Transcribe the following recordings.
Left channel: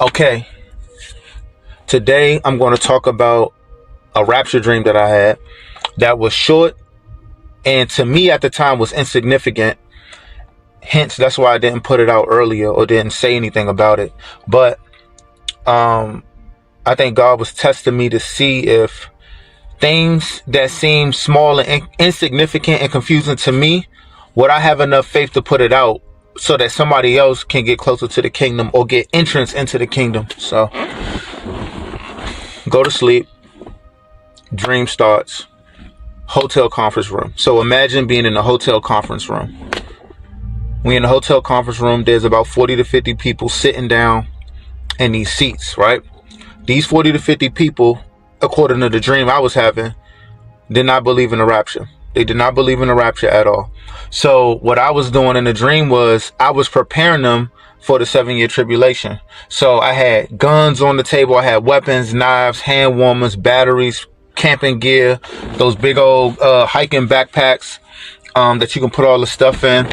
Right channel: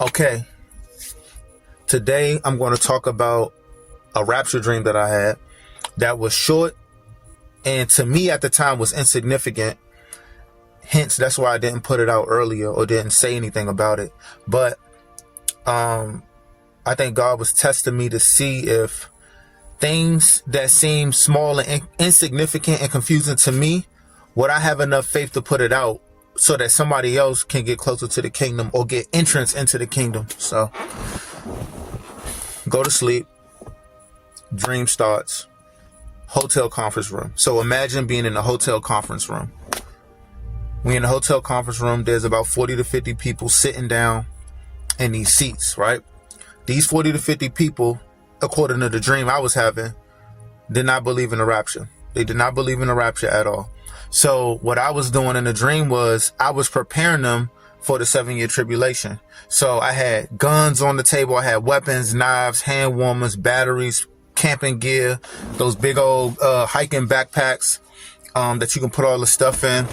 Okay, today I'm going to talk about a rapture dream that I had that was short and to me at the time was insignificant. Hence, that's why I didn't put it out earlier or didn't say anything about it. But I think God was testing me to see if things that seem small and insignificant and confusing to me, would I have enough faith to put it out so that somebody else can get closer to the kingdom or get entrance into the kingdom. So go to sleep. Dream starts. Hotel conference room. So imagine being in a hotel conference room. We in a hotel conference room. There's about 40 to 50 people sitting down in these seats, right? These 40 to 50 people, according to the dream I was having, did not believe in the rapture. They did not believe in the rapture at all. So what I was doing in the dream was I was preparing them for the 7-year tribulation. So I had guns on the table. I had weapons, knives, hand warmers, batteries, camping gear, those big old hiking backpacks that you can put all the stuff in,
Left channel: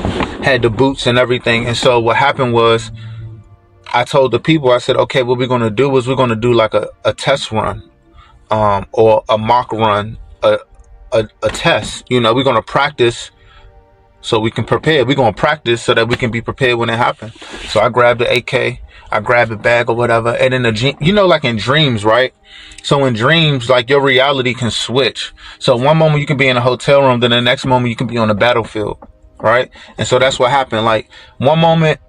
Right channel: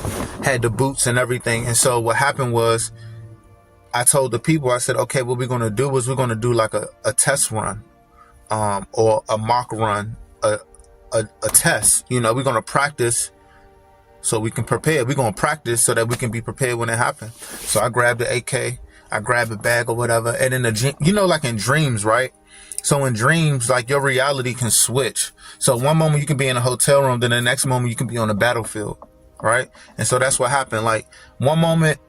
had the boots and everything. And so what happened was I told the people, I said, okay, what we're going to do is we're going to do like a test run or a mock run, a test. You know, we're going to practice so we can prepare. We're going to practice so that we can be prepared when it happens. So I grabbed the AK, I grabbed a bag or whatever. And in you know, like in dreams, right? So in dreams, like your reality can switch. So one moment you can be in a hotel room, then the next moment you can be on the battlefield, right? And so that's what happened. Like one moment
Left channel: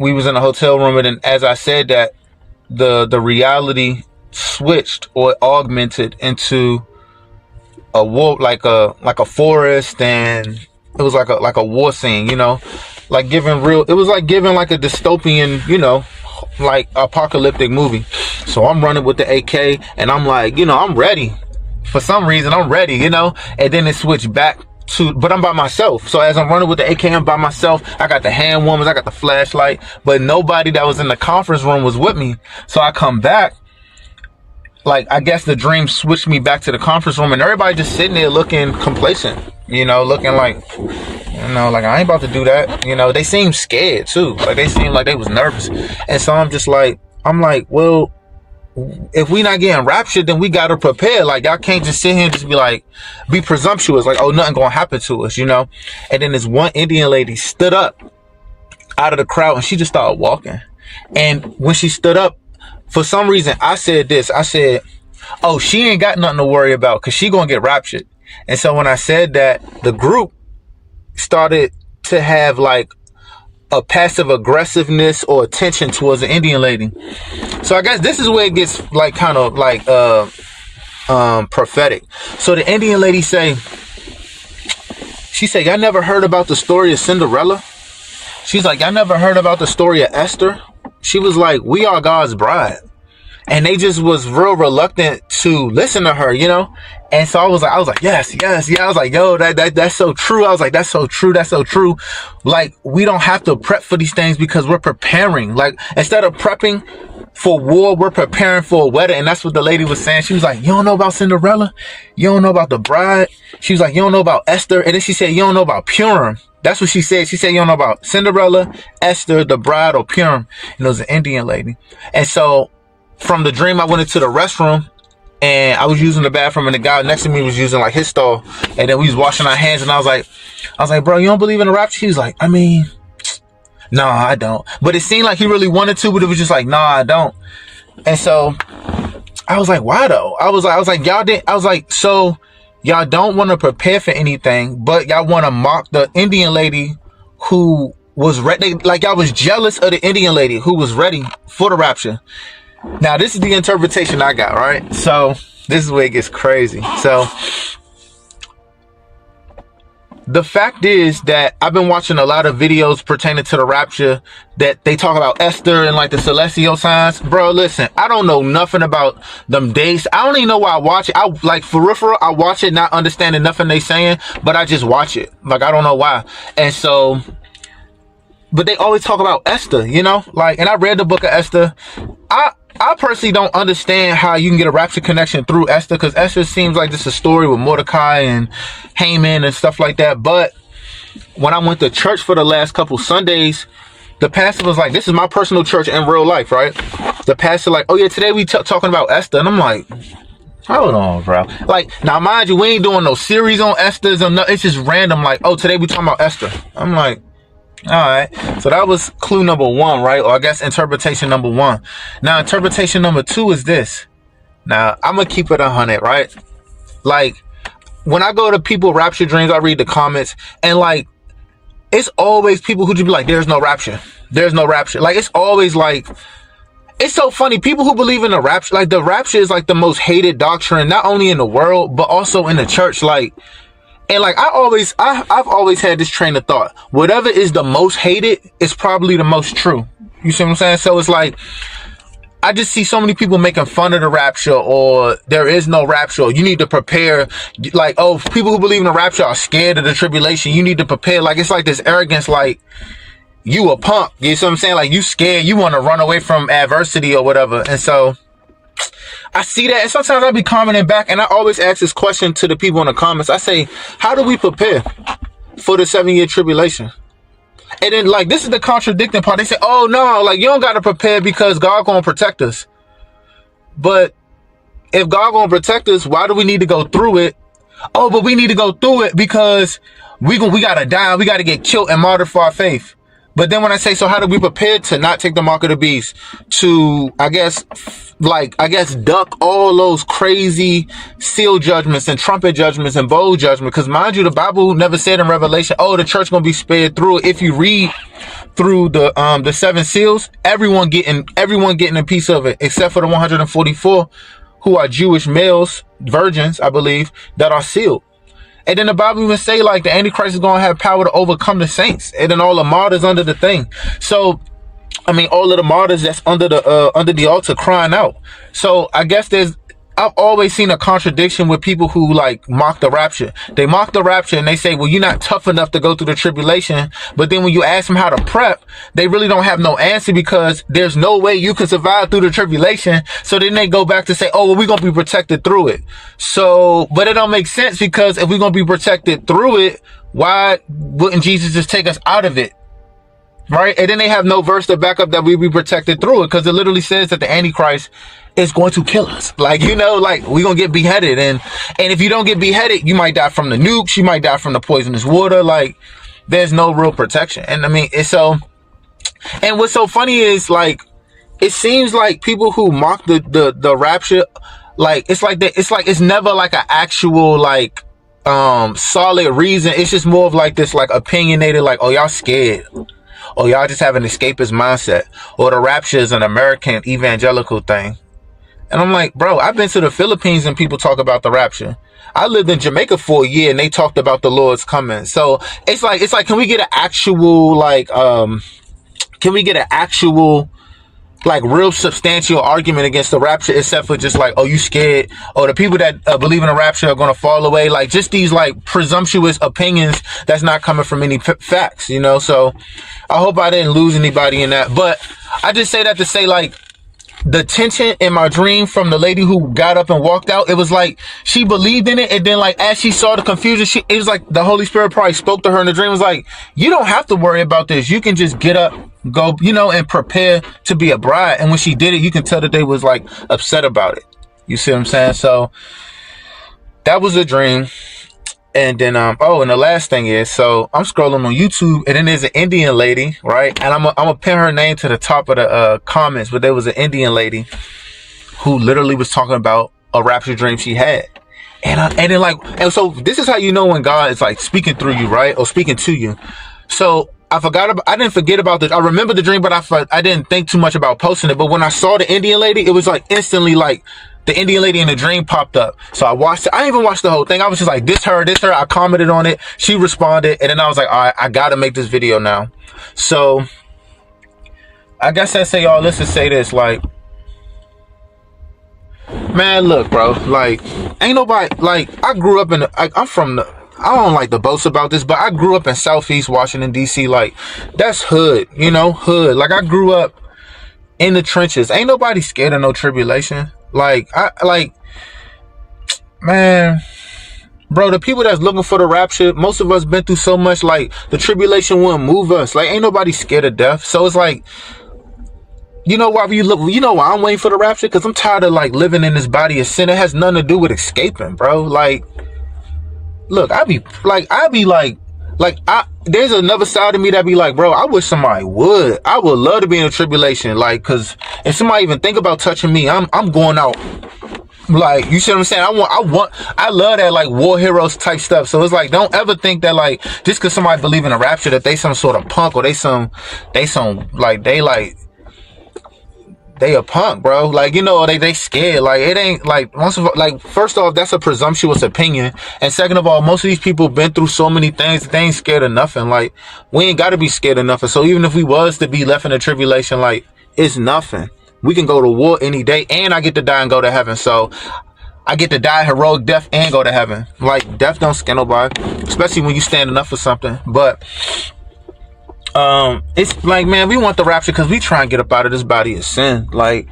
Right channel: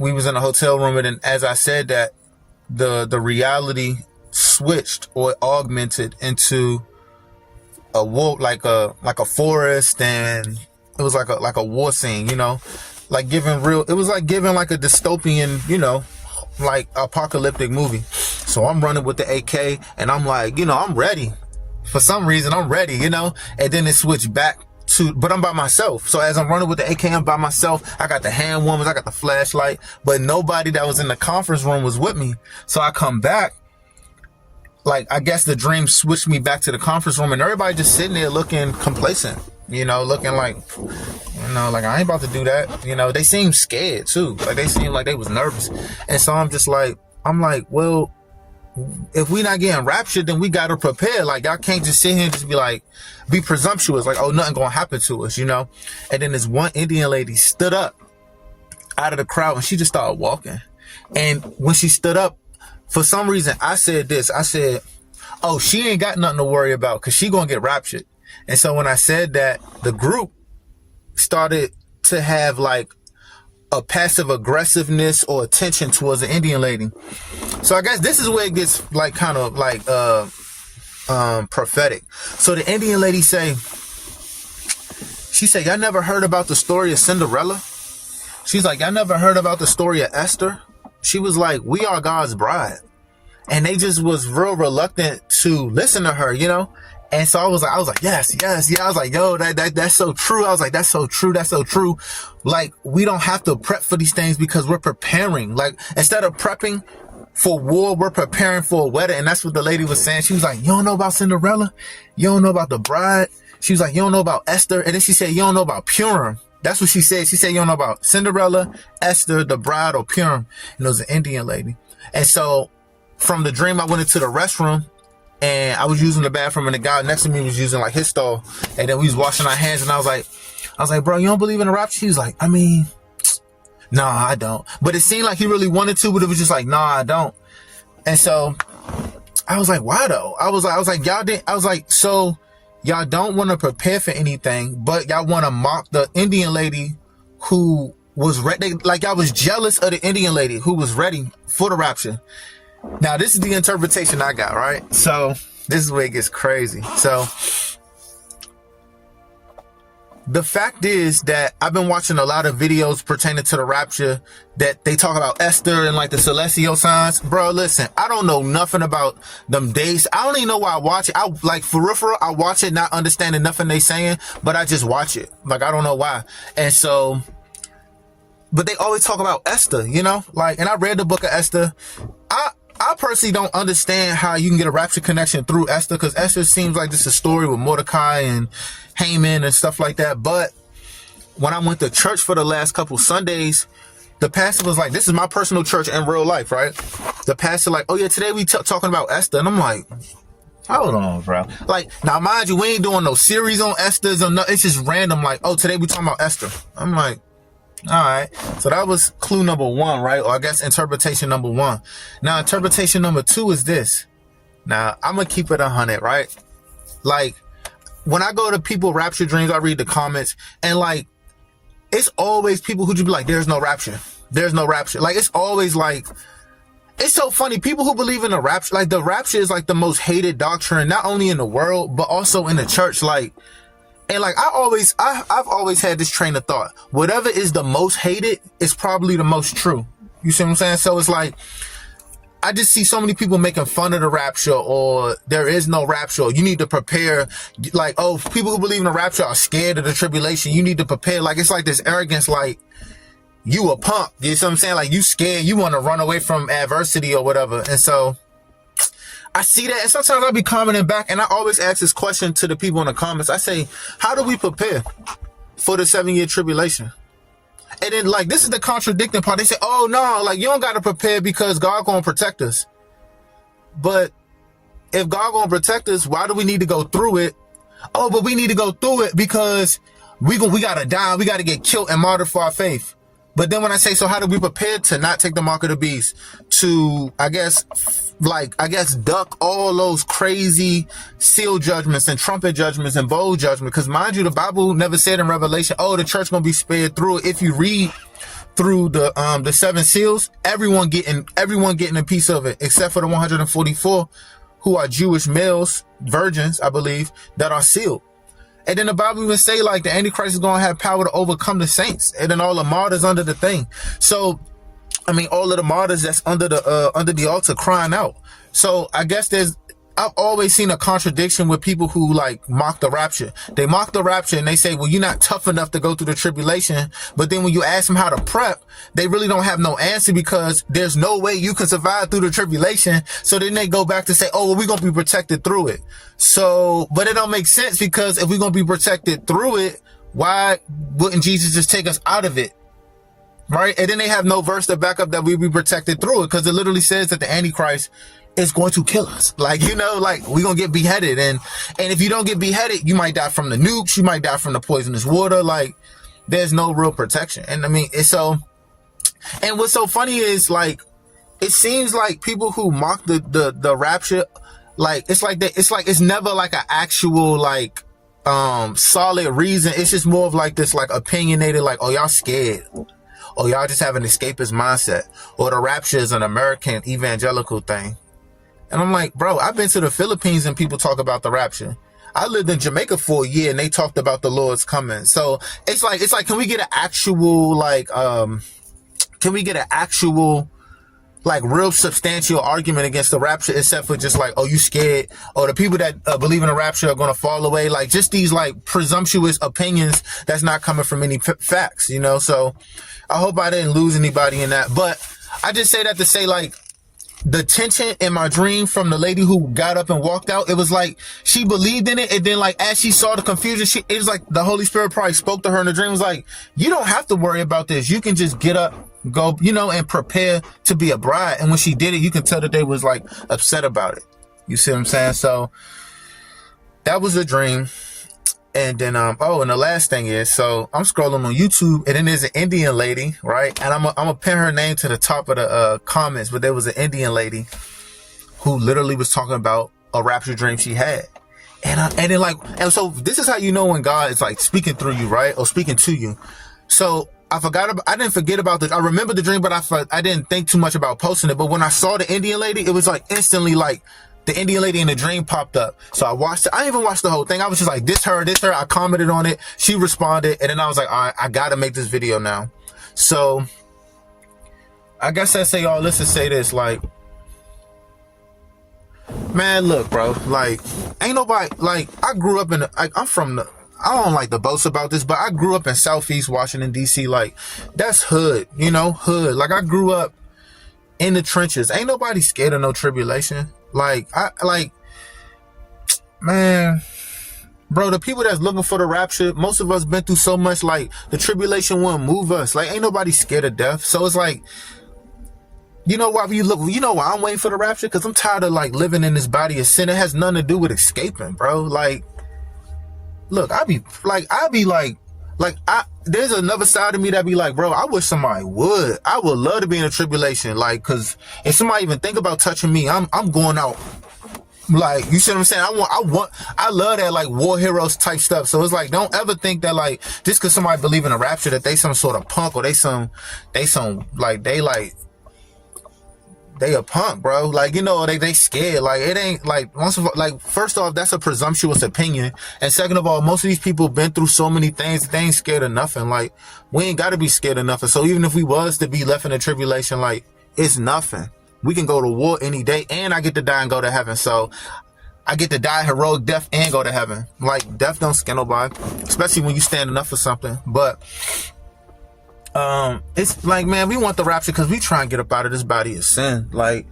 we was in a hotel room, and then as I said that, the reality switched or augmented into a war, like a forest, and it was like a war scene, you know, like it was like giving like a dystopian, you know, like apocalyptic movie. So I'm running with the AK and I'm like, you know, I'm ready. For some reason, I'm ready, you know, and then it switched back but I'm by myself. So as I'm running with the AK, I'm by myself. I got the hand warmers, I got the flashlight, but nobody that was in the conference room was with me. So I come back, like, I guess the dream switched me back to the conference room and everybody just sitting there looking complacent, you know, looking like, you know, like I ain't about to do that. You know, they seemed scared too. Like they seemed like they was nervous. And so I'm like, well, if we not getting raptured, then we got to prepare. Like y'all can't just sit here and just be like, be presumptuous. Like, oh, nothing going to happen to us, you know? And then this one Indian lady stood up out of the crowd and she just started walking. And when she stood up, for some reason, I said this. I said, oh, she ain't got nothing to worry about because she going to get raptured. And so when I said that, the group started to have like a passive aggressiveness or attention towards the Indian lady. So I guess this is where it gets like kind of like prophetic. So the Indian lady she said, y'all never heard about the story of Cinderella? She's like, y'all never heard about the story of Esther? She was like, we are God's bride. And they just was real reluctant to listen to her, you know? And so I was like, yes. I was like, yo, that's so true. I was like, that's so true. Like, we don't have to prep for these things because we're preparing. Like, instead of prepping for war, we're preparing for a wedding. And that's what the lady was saying. She was like, you don't know about Cinderella? You don't know about the bride? She was like, you don't know about Esther? And then she said, you don't know about Purim. That's what she said. She said, you don't know about Cinderella, Esther, the bride, or Purim. And it was an Indian lady. And so from the dream, I went into the restroom and I was using the bathroom and the guy next to me was using like his stall. And then we was washing our hands and I was like, bro, you don't believe in the rapture? He was like, I mean, no, I don't. But it seemed like he really wanted to, but it was just like, no, I don't. And so I was like, why though? I was like, y'all didn't, I was like, so y'all don't want to prepare for anything, but y'all want to mock the Indian lady who was ready. Like y'all was jealous of the Indian lady who was ready for the rapture. Now, this is the interpretation I got, right? So this is where it gets crazy. So the fact is that I've been watching a lot of videos pertaining to the rapture that they talk about Esther and like the celestial signs. Bro, listen, I don't know nothing about them dates. I don't even know why I watch it. I like for real, I watch it not understanding nothing they saying, but I just watch it. Like, I don't know why. And so, but they always talk about Esther, you know, like, and I read the book of Esther. I personally don't understand how you can get a rapture connection through Esther, because Esther seems like this is a story with Mordecai and Haman and stuff like that. But when I went to church for the last couple Sundays, The pastor was like, this is my personal church in real life, right? The pastor like, oh yeah, today we talking about Esther. And I'm like, hold on, bro. Like, now mind you, we ain't doing no series on Esther's or no, it's just random, like, oh, today we talking about Esther. I'm like, all right. So that was clue number one, right? Or I guess interpretation number one. Now, interpretation number two is this. Now, I'm going to keep it 100, right? Like, when I go to people rapture dreams, I read the comments, and like, it's always people who just be like, there's no rapture. There's no rapture. Like, it's always like, it's so funny. People who believe in the rapture, like the rapture is like the most hated doctrine, not only in the world, but also in the church. Like, and like, I've always had this train of thought. Whatever is the most hated is probably the most true. You see what I'm saying? So it's like, I just see so many people making fun of the rapture, or there is no rapture. You need to prepare. Like, oh, people who believe in the rapture are scared of the tribulation. You need to prepare. Like, it's like this arrogance, like, you a punk. You see what I'm saying? Like, you scared. You want to run away from adversity or whatever. And so I see that. And sometimes I be commenting back, and I always ask this question to the people in the comments. I say, how do we prepare for the 7-year tribulation? And then, like, this is the contradicting part. They say, oh, no, like, you don't got to prepare because God going to protect us. But if God going to protect us, why do we need to go through it? Oh, but we need to go through it because we got to die. We got to get killed and martyred for our faith. But then when I say, so how do we prepare to not take the mark of the beast? To, I guess, duck all those crazy seal judgments and trumpet judgments and bowl judgment. Because mind you, the Bible never said in Revelation, oh, the church gonna be spared through it. If you read through the 7 seals, everyone getting a piece of it, except for the 144 who are Jewish males, virgins, I believe, that are sealed. And then the Bible even say, like, the Antichrist is going to have power to overcome the saints. And then all the martyrs under the thing. So, I mean, all of the martyrs that's under the altar crying out. So, I guess I've always seen a contradiction with people who, like, mock the rapture. They mock the rapture and they say, well, you're not tough enough to go through the tribulation. But then when you ask them how to prep, they really don't have no answer because there's no way you can survive through the tribulation. So then they go back to say, oh, well, we're going to be protected through it. So, but it don't make sense because if we're going to be protected through it, why wouldn't Jesus just take us out of it? Right? And then they have no verse to back up that we be protected through it because it literally says that the Antichrist is going to kill us. Like, you know, like, we're going to get beheaded. And if you don't get beheaded, you might die from the nukes. You might die from the poisonous water. Like, there's no real protection. And I mean, it's so, and what's so funny is, like, it seems like people who mock the rapture, like, it's never like an actual, like, solid reason. It's just more of like this, like, opinionated, like, oh, y'all scared. Or y'all just have an escapist mindset. Or the rapture is an American evangelical thing. And I'm like, bro, I've been to the Philippines and people talk about the rapture. I lived in Jamaica for a year and they talked about the Lord's coming. So it's like, can we get an actual, like, like, real substantial argument against the rapture, except for just like, oh, you scared? Or the people that believe in the rapture are going to fall away. Like, just these, like, presumptuous opinions that's not coming from any facts, you know? So I hope I didn't lose anybody in that. But I just say that to say, like, the tension in my dream from the lady who got up and walked out, it was like she believed in it, and then, like, as she saw the confusion, it was like the Holy Spirit probably spoke to her in the dream. It was like, you don't have to worry about this. You can just get up, go, you know, and prepare to be a bride. And when she did it, you can tell that they was, like, upset about it. You see what I'm saying? So that was a dream. And then, oh, and the last thing is, so I'm scrolling on YouTube, and then there's an Indian lady, right? And I'm gonna pin her name to the top of the comments, but there was an Indian lady who literally was talking about a rapture dream she had. And so this is how you know when God is, like, speaking through you, right? Or speaking to you. So I didn't forget about this. I remember the dream, but I didn't think too much about posting it. But when I saw the Indian lady, it was like instantly, like, the Indian lady in the dream popped up. So I watched it. I didn't even watch the whole thing. I was just like, this her. I commented on it. She responded. And then I was like, all right, I got to make this video now. So I guess I say all this to say this, like, man, look, bro, like, ain't nobody, like, I grew up in, I don't like to boast about this, but I grew up in Southeast Washington, D.C. Like, that's hood, you know, hood. Like, I grew up in the trenches. Ain't nobody scared of no tribulation. Like, man, Bro, the people that's looking for the rapture, most of us been through so much, like, the tribulation wouldn't move us. Like, ain't nobody scared of death. So it's like, you know why I'm waiting for the rapture? Because I'm tired of, like, living in this body of sin. It has nothing to do with escaping, bro. Like, look, there's another side of me that be like, bro, I wish somebody would. I would love to be in a tribulation, like, because if somebody even think about touching me, I'm going out. Like, you see what I'm saying? I love that, like, war heroes type stuff. So it's like, don't ever think that, like, just because somebody believe in a rapture that they some sort of punk, or they a punk, bro. Like, you know, they scared. Like, it ain't like, first off, that's a presumptuous opinion, and second of all, most of these people been through so many things that they ain't scared of nothing. Like, we ain't got to be scared of nothing. So even if we was to be left in a tribulation, like, it's nothing. We can go to war any day, and I get to die and go to heaven. So I get to die a heroic death and go to heaven. Like, death don't scare nobody, especially when you standing up for something. But it's like, man, we want the rapture because we try and get up out of this body of sin. Like,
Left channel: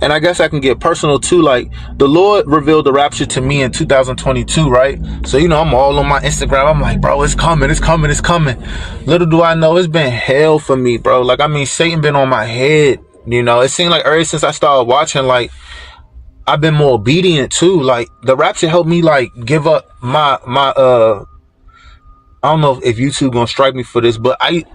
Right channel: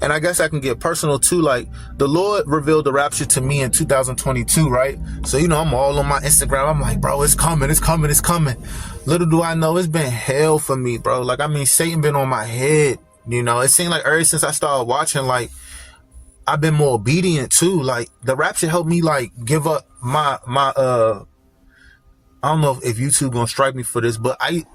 and I guess I can get personal too. Like, the Lord revealed the rapture to me in 2022, right? So, you know, I'm all on my Instagram. I'm like, bro, it's coming, it's coming, it's coming. Little do I know, it's been hell for me, bro. Like, I mean, Satan been on my head. You know, it seemed like ever since I started watching, like, I've been more obedient too. Like, the rapture helped me, like, give up my I don't know if YouTube gonna strike me for this, but I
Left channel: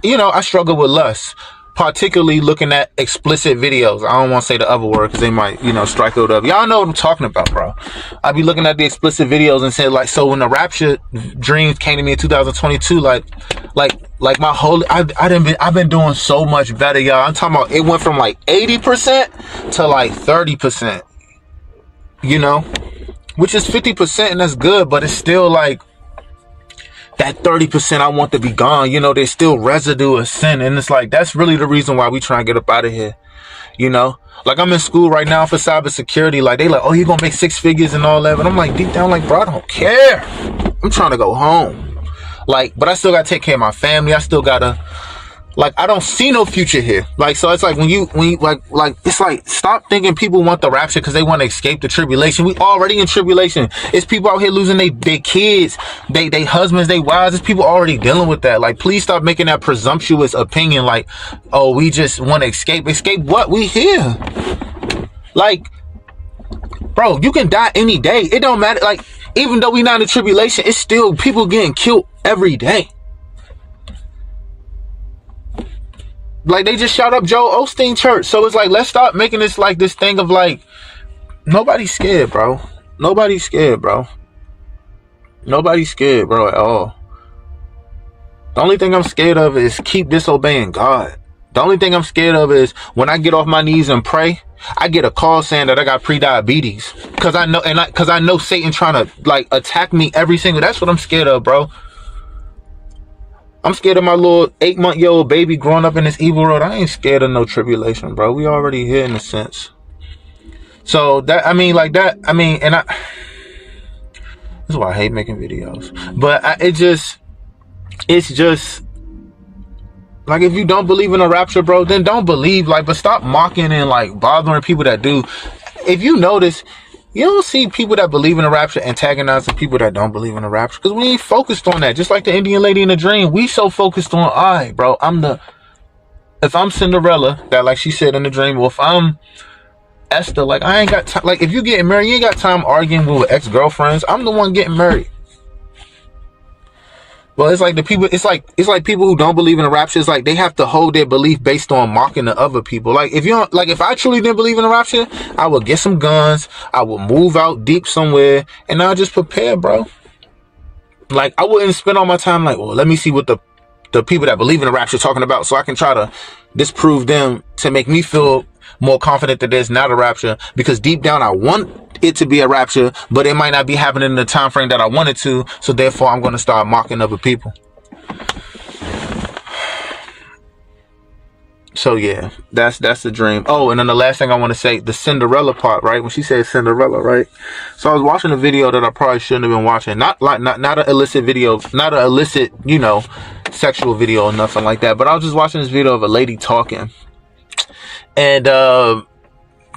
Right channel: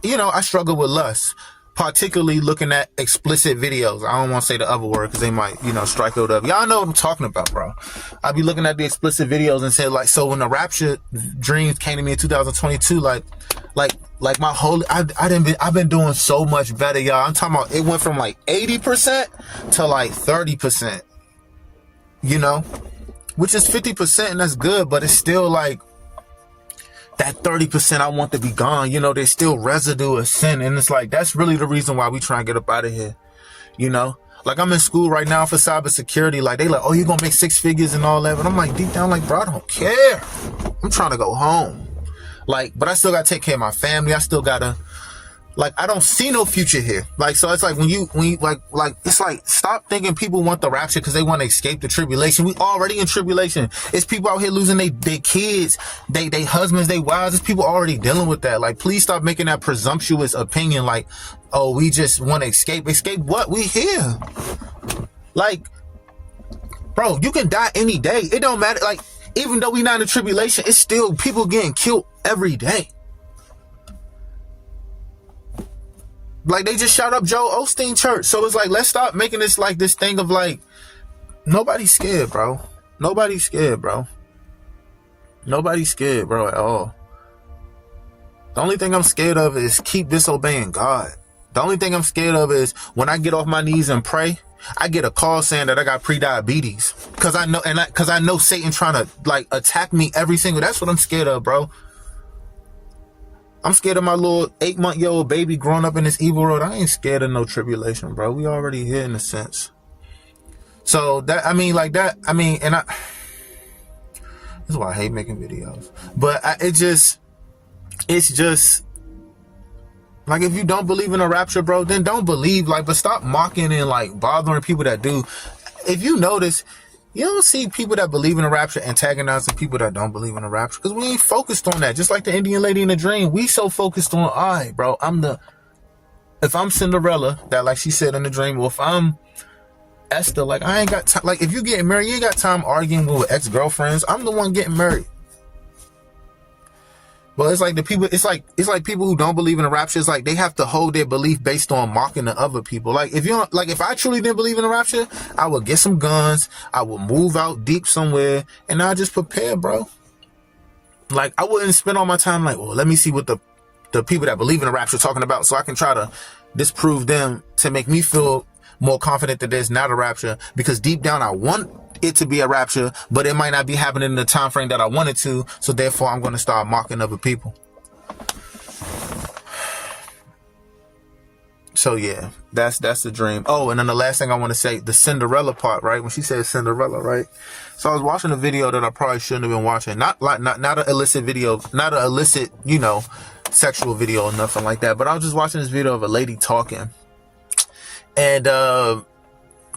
struggle with lust, particularly looking at explicit videos. I don't want to say the other word because they might, strike it up. Y'all know what I'm talking about, bro. I be looking at the explicit videos and saying, like, so when the rapture dreams came to me in 2022, like my whole, I've been doing so much better, y'all. I'm talking about, it went from like 80% to like 30%, which is 50%, and that's good, but it's still like that 30% I want to be gone. There's still residue of sin, and it's like, that's really the reason why we try and get up out of here. Like, I'm in school right now for cybersecurity. Like, they like, oh, you're gonna make 6 figures and all that, but I'm like, deep down, like, bro, I don't care. I'm trying to go home. Like, but I still gotta take care of my family. I still gotta, like, I don't see no future here. Like, so it's like, when you like, it's like, stop thinking people want the rapture because they want to escape the tribulation. We already in tribulation. It's people out here losing their kids, they husbands, they wives. It's people already dealing with that. Like, please stop making that presumptuous opinion. Like, oh, we just want to escape. Escape what? We here. Like, bro, you can die any day. It don't matter. Like, even though we not in tribulation, it's still people getting killed every day. Like, they just shot up Joel Osteen Church. So it's like, let's stop making this like this thing of like, nobody's scared, bro. Nobody's scared, bro. Nobody's scared, bro, at all. The only thing I'm scared of is keep disobeying God. The only thing I'm scared of is when I get off my knees and pray, I get a call saying that I got pre-diabetes. Cause I know Satan trying to like attack me every single, that's what I'm scared of, bro. I'm scared of my little 8-month-old baby growing up in this evil world. I ain't scared of no tribulation, bro. We already here in a sense. So that, this is why I hate making videos. But it's just, like, if you don't believe in a rapture, bro, then don't believe, like, but stop mocking and, like, bothering people that do. If you notice, you don't see people that believe in the rapture antagonizing people that don't believe in the rapture, because we ain't focused on that. Just like the Indian lady in the dream, we so focused on, all right, bro, if I'm Cinderella, that, like she said in the dream, or if I'm Esther, like, I ain't got time. Like, if you getting married, you ain't got time arguing with ex-girlfriends. I'm the one getting married. Well, it's like it's like people who don't believe in the rapture. It's like they have to hold their belief based on mocking the other people. Like, if I truly didn't believe in the rapture, I would get some guns, I would move out deep somewhere, and I'll just prepare, bro. Like, I wouldn't spend all my time like, well, let me see what the people that believe in the rapture are talking about, so I can try to disprove them to make me feel more confident that there's not a rapture, because deep down I want it to be a rapture, but it might not be happening in the time frame that I wanted to, so therefore I'm going to start mocking other people. So yeah, that's the dream. Oh, and then the last thing I want to say, the Cinderella part, right? When she said Cinderella, right? So I was watching a video that I probably shouldn't have been watching. Not an illicit video, not an illicit, sexual video or nothing like that. But I was just watching this video of a lady talking. And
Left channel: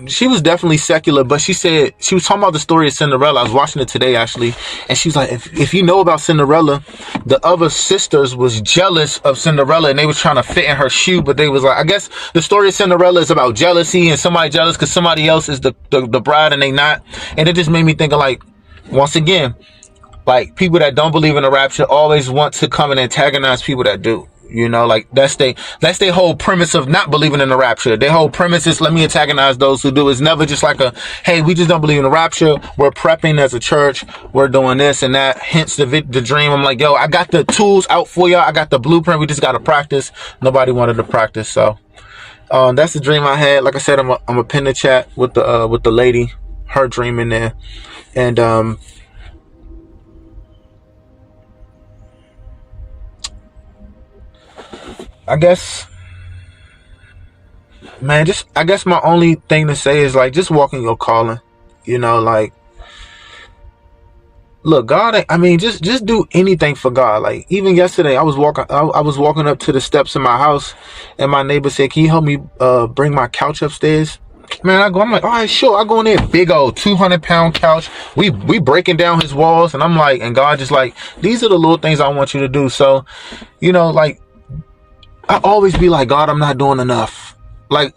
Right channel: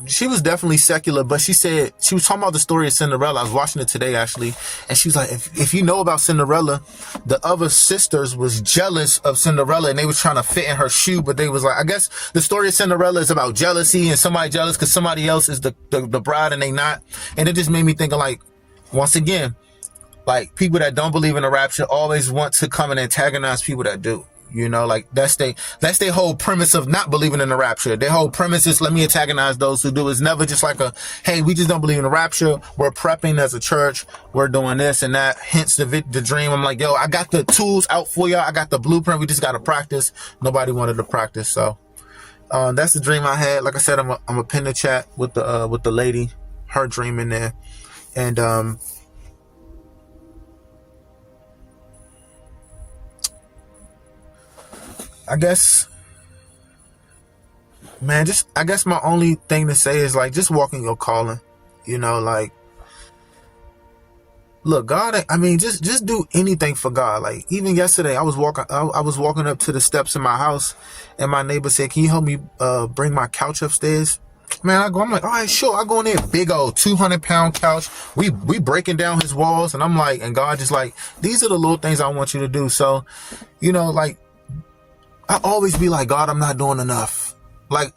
she was definitely secular, but she said, she was talking about the story of Cinderella. I was watching it today actually, and she was like, if you know about Cinderella, the other sisters was jealous of Cinderella and they was trying to fit in her shoe, but they was like, I guess the story of Cinderella is about jealousy and somebody jealous because somebody else is the bride and they not. And it just made me think of, like, once again, like, people that don't believe in the rapture always want to come and antagonize people that do. You know, like, that's their whole premise of not believing in the rapture. Their whole premise is, let me antagonize those who do. It's never just like a, hey, we just don't believe in the rapture. We're prepping as a church. We're doing this and that. Hence the dream. I'm like, yo, I got the tools out for y'all. I got the blueprint. We just got to practice. Nobody wanted to practice. So, that's the dream I had. Like I said, I'm a pin the chat with the lady, her dream in there. And, I guess, man, I guess my only thing to say is, like, just walk in your calling, you know, like, look, God, I mean, just do anything for God. Like, even yesterday, I was walking up to the steps in my house and my neighbor said, can you help me, bring my couch upstairs? Man, I'm like, all right, sure. I go in there, big old 200-pound couch. We breaking down his walls, and I'm like, and God just like, these are the little things I want you to do. So, you know, like, I always be like, God, I'm not doing enough. Like,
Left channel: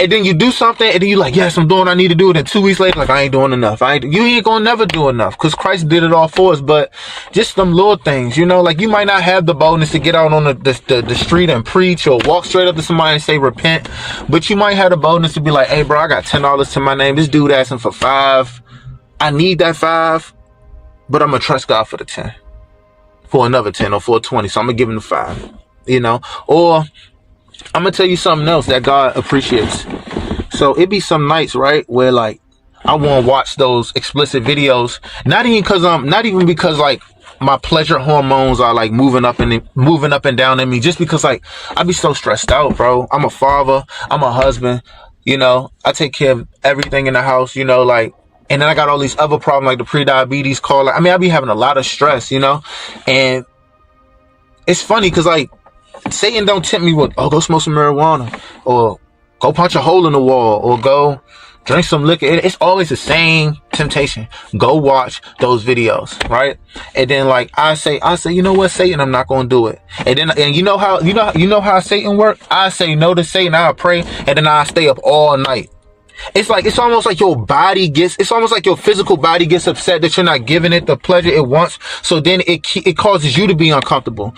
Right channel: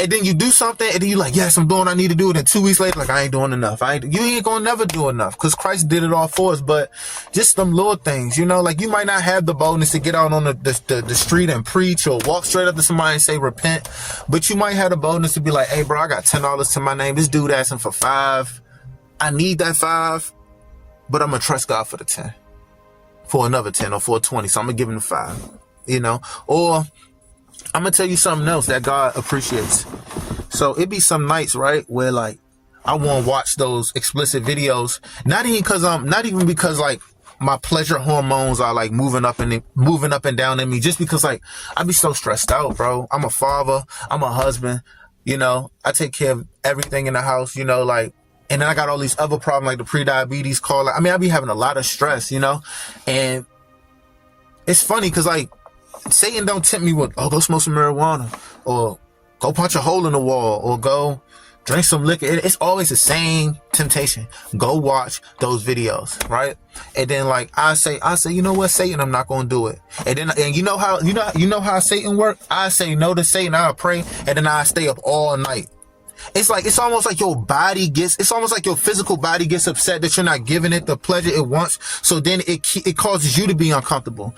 and then you do something, and then you like, yes, I'm doing what I need to do. And then 2 weeks later, like, I ain't doing enough. You ain't gonna never do enough, because Christ did it all for us. But just some little things, you know, like, you might not have the boldness to get out on the street and preach or walk straight up to somebody and say repent, but you might have the boldness to be like, hey, bro, I got $10 to my name. This dude asking for $5. I need that $5, but I'm gonna trust God for the 10, for another 10 or for 20. So I'm gonna give him the $5. You know, or I'm gonna tell you something else that God appreciates. So it be some nights, right, where, like, I want to watch those explicit videos, not even because like my pleasure hormones are like moving up and down in me, just because, like, I be so stressed out, bro. I'm a father, I'm a husband, you know, I take care of everything in the house, you know, like, and then I got all these other problems like the pre-diabetes call. I mean, I be having a lot of stress, you know, and it's funny because, like, Satan don't tempt me with, oh, go smoke some marijuana, or go punch a hole in the wall, or go drink some liquor. It's always the same temptation. Go watch those videos, right? And then, like, I say, you know what, Satan, I'm not gonna do it. And you know how Satan work? I say no to Satan, I pray, and then I stay up all night. It's like, it's almost like it's almost like your physical body gets upset that you're not giving it the pleasure it wants. So then it causes you to be uncomfortable.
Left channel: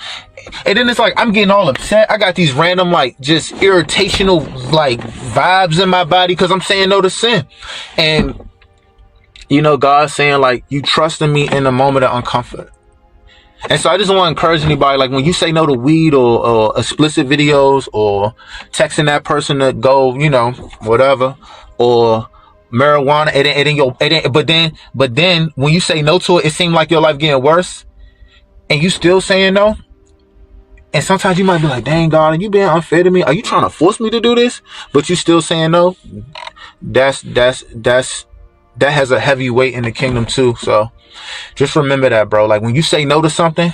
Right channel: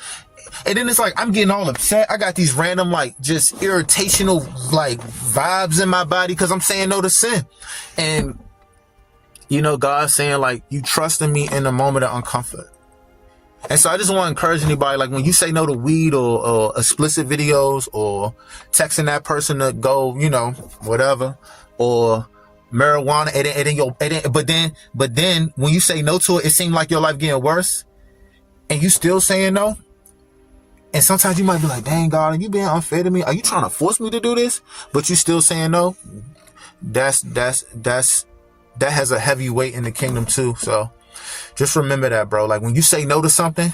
And then it's like, I'm getting all upset. I got these random, like, just irritational, like, vibes in my body because I'm saying no to sin. And, you know, God's saying, like, you trust in me in a moment of uncomfort. And so I just want to encourage anybody, like, when you say no to weed or explicit videos or texting that person to go, you know, whatever, or marijuana, but then when you say no to it, it seems like your life getting worse and you still saying no. And sometimes you might be like, dang, God, are you being unfair to me? Are you trying to force me to do this? But you still saying no. That has a heavy weight in the kingdom too. So just remember that, bro. Like, when you say no to something,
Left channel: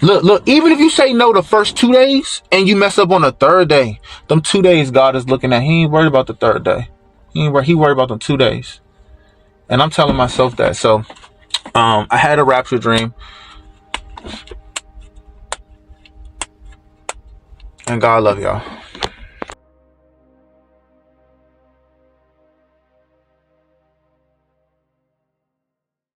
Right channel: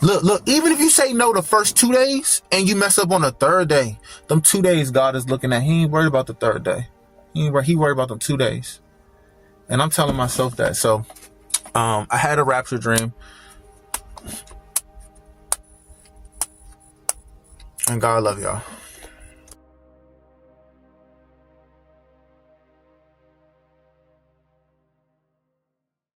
look, even if you say no the first 2 days and you mess up on the third day, them 2 days God is looking at. He ain't worried about the third day. He worried about them 2 days. And I'm telling myself that. So I had a rapture dream. And God love y'all.